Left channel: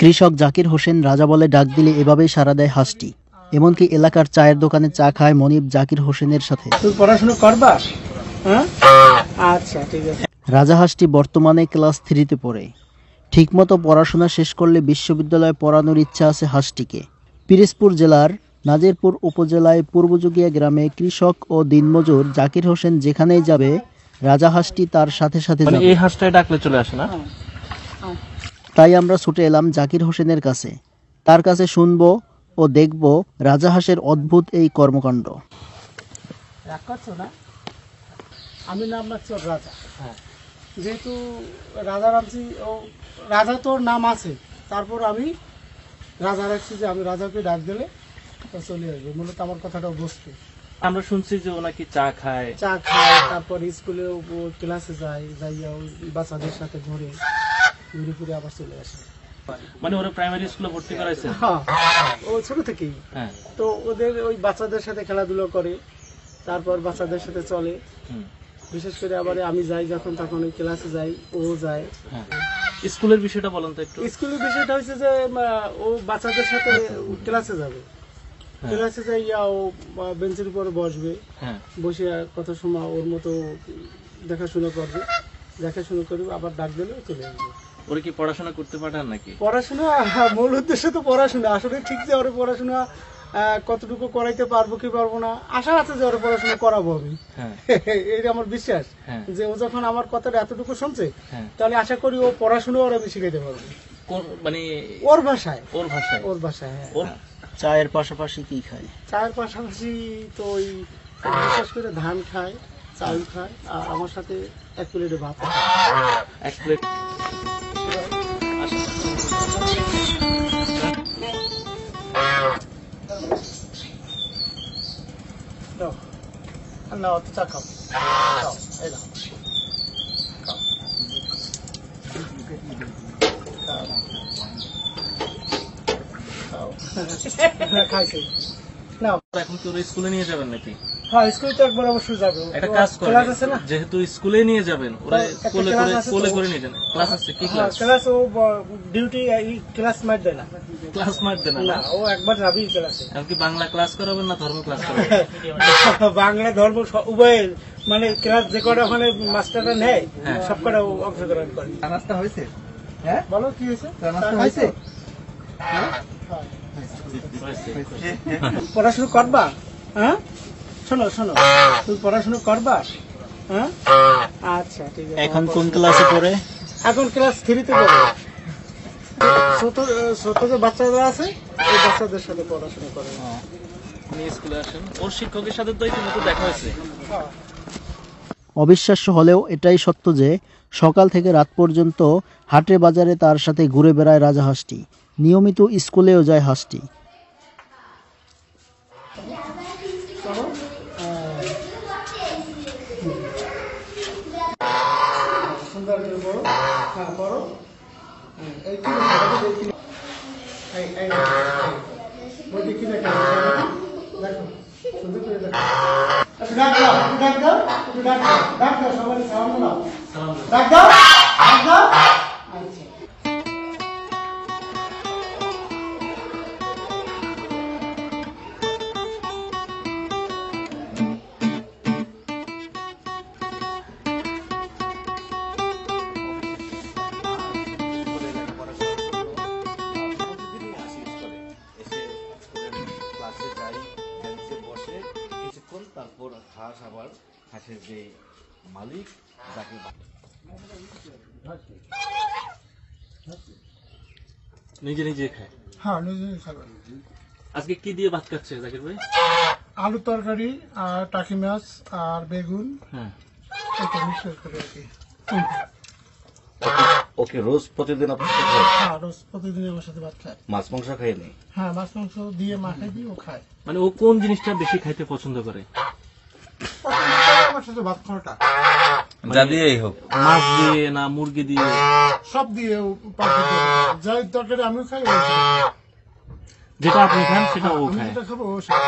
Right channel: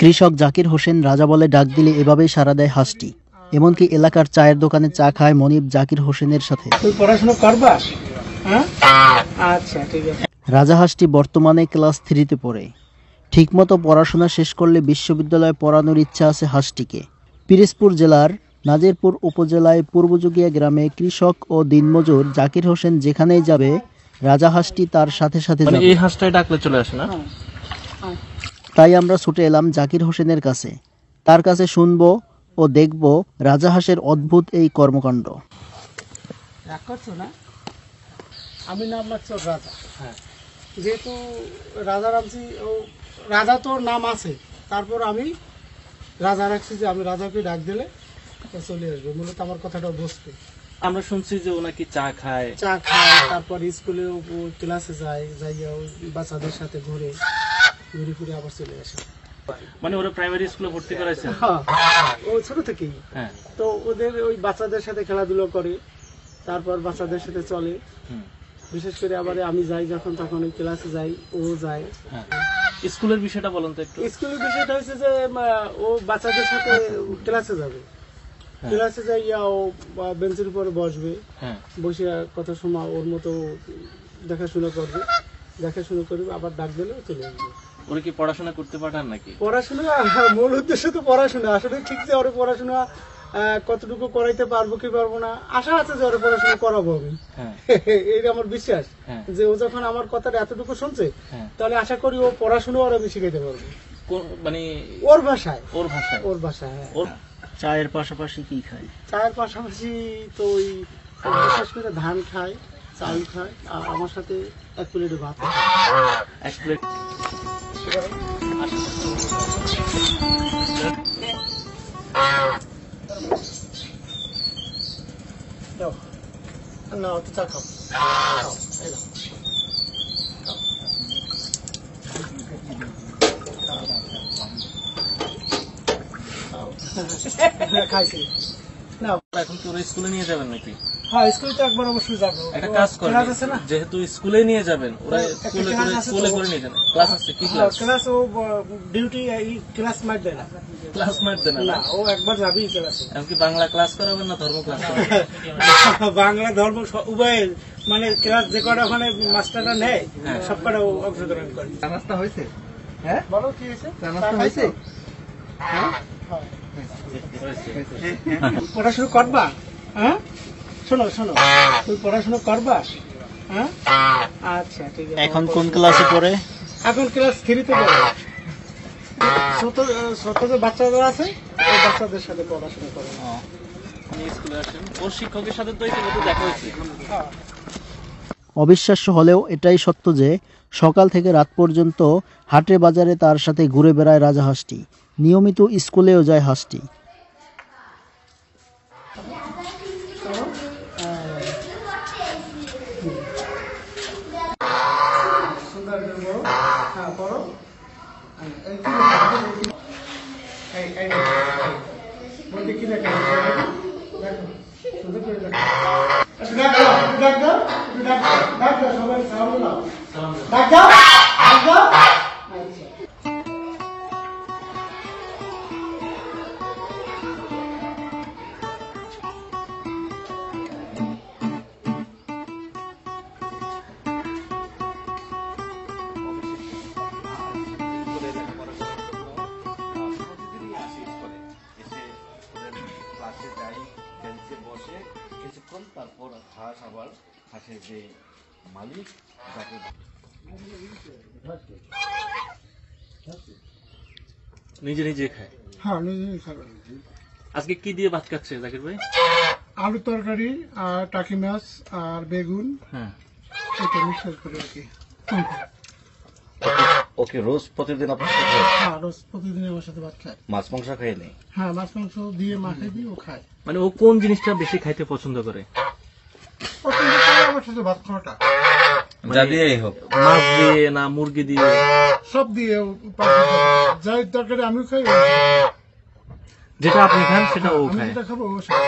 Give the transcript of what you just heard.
কৃষক জাকির হোসেন রাজা বলে ডাক দিলে এভাবেই সাড়া দেয় হাঁসটি। এমনকি এলাকার চায়ের দোকানে চা খায় মনিব জাকির হোসেনের সাথে। পড়াশোনা করবা? আচ্ছা, ঠিক আছে। রাজা হাঁসটি বর্তমানে ক্লাস 3-তে পড়ে। ঠিকমতো পড়াশোনা শেষ করলে বিশ্ববিদ্যালয়ে পড়ানোর ইচ্ছা আছে হাঁসটিকে। পিরোজপুর জেলার নাজিরপুর উপজেলায় পূর্বযুগিয়া গ্রামে কৃষক ও দিনমজুর জাকির হোসেন যেখানেই যাবে রাজা হাঁসটি তার সাথে সাথে যাবে। এই হাঁসটাই ডাকলে চলে আসে না? তাই আমরা ছুটে এলাম জাকির হোসেনের কাছে। তার কাছে শুনবো ও দেখব রাজা হাঁসের অদ্ভুত এই কর্মকাণ্ড। রাগ করছো না? আমি নাম রাখছি ওর রাজা। যেহেতু রাজা রাখছি, ও রাজা তোর নাম আছে, তারপর আমি রাজা রাখছি যে আমি রাজাকে ডাক দিলে চলে আসবে। মূলত আমার কথাটা বসতো। আমরা শুনছি যে ও নাকি চা খায়, তারপর স্কুলে ক্লাসে যায়, যাইয়া ওই বাচ্চাদের সাথে ঘুরে ফিরে আবার চলে আসে। মানে ওরা প্রাইমারি স্কুলে ভর্তি করাইছে? হ্যাঁ, ও ছোট থেকেই। তো ওদের ওই বাচ্চাদের সাথে খেলাধুলা করে, তারপর বাচ্চাদের সাথে চলে। বিশেষ করে আবার আমি যাই যখন, তখন ওই ক্লাসে যাই, ও যায়। স্কুলের বিষয়টা বলেন তো একটু। স্কুলের বিষয়টা হচ্ছে যে ও বাচ্চাদের সাথে ক্লাসে যাবে, ক্লাসে যাইয়া ও বেঞ্চের উপরে বসবে, বসে কত সময় ওর মতো দেখাশোনা করবে, আবার ডাক দিলে চলে আসবে। ওরা কি পড়াশোনা করতে পাঠান নাকি? পড়াশোনা মূল উদ্দেশ্য তো পড়াশোনা। আসলে ঠিক যে ওর পড়াশোনা কতটুকু করাইতে পারবো কি পারবো না, আশা আছে যে ওর পড়াশোনা করাবো আমি। এটা আমার বিশ্বাস যে ও যখন আমার কথাটা এতটুকু শুনছে, তাহলে আশা করি ও পড়াশোনা ওর আমি শিখাইতে পারবো। মানে ওর ভাষায়। হ্যাঁ। চায়ের পাশাপাশি কি খায়? চায়ের পাশাপাশি তো ওই বিশেষ করে ধান খায়, চাল খায়, আর আমার সাথে 1 প্লেটে ভাত খায়। 1 প্লেট? না, চা খাও। খাইছি না। এখন তো স্কুলে নিয়ে যাবেন নাকি? হ্যাঁ, স্কুলে তো একবার অবশ্যই যাবো। একটা কাজ করেন, যেহেতু স্কুলে নিয়ে যাবেন, ওরা কোলে করে নিয়ে যান। ক্লাস আছে? কি ক্লাস? ক্লাস ও ডিউটি ক্লাস মার দেয় না। ক্লাস মার দেন না? ও একবার যাবেই ক্লাসে। এমনকি বাংলা ক্লাস করাবেন না ধর্ম ক্লাস করাবেন? বাংলা ধর্ম উভয়ের, মানে ক্লাস যে কটা ওখানে মাস্টাররা নেয় সব কটা অংশগ্রহণ করে। রাস্তা হয়েছে? হ্যাঁ, বলো কি হয়েছে? হয়েছে? পড়াশুনো করবা? হ্যাঁ, শোনো, তুমি পড়াশুনো করবা? হ্যাঁ, আচ্ছা, ঠিক আছে। এখন কোন ক্লাসে পড়ে? এখন ক্লাস 3-তে পড়ে। ছোট যে বাচ্চারা আছে, ওই বাচ্চাদের সাথে পড়াশোনা করে। স্কুলে আসেন, ওর শিক্ষকের সাথে তো ইতিমধ্যে দেখা হয়েছে। অবিশ্বাস্য হলেও এটাই সত্য যে সকাল থেকে রাত পর্যন্ত হাটে বাজারে তার সাথে ঘুরে বেড়ায় রাজা হাঁসটি। নিয়মিত স্কুলেও যায় হাঁসটি। তারপর হাঁস, আবার হাঁসের যে মালিক তাকে নিজে খায়। হ্যাঁ, নিজেই খাবে। আজকে কি দিয়ে ভাত খাচ্ছে জাকির ভাই? আলু তরকারি আর টাকি মাছ আর বেগুন, এটা মিক্সচার করে আর কি। ওকে রোজ প্রতিদিন আপনার সাথে খায়? হ্যাঁ, রোজ প্রতিদিন আমার সাথে ভাত খায়। মাছ মাংস খায় নেই? হ্যাঁ, মাছ মাংস দিয়ে মাখাই দিয়ে ও খায়। মানে ও কোন জিনিসটা বেশি খাইতে পছন্দ করে? আমার সাথে ভাত খাওয়াটা যা দিয়েই হোক, মাছ দিয়ে না মুরগি দিয়ে? সব দিয়ে যাই তরকারি আমিও খাই, যেটা আপনি খান সেটা ও আমি খায়। যেটা খাবো ও খায়।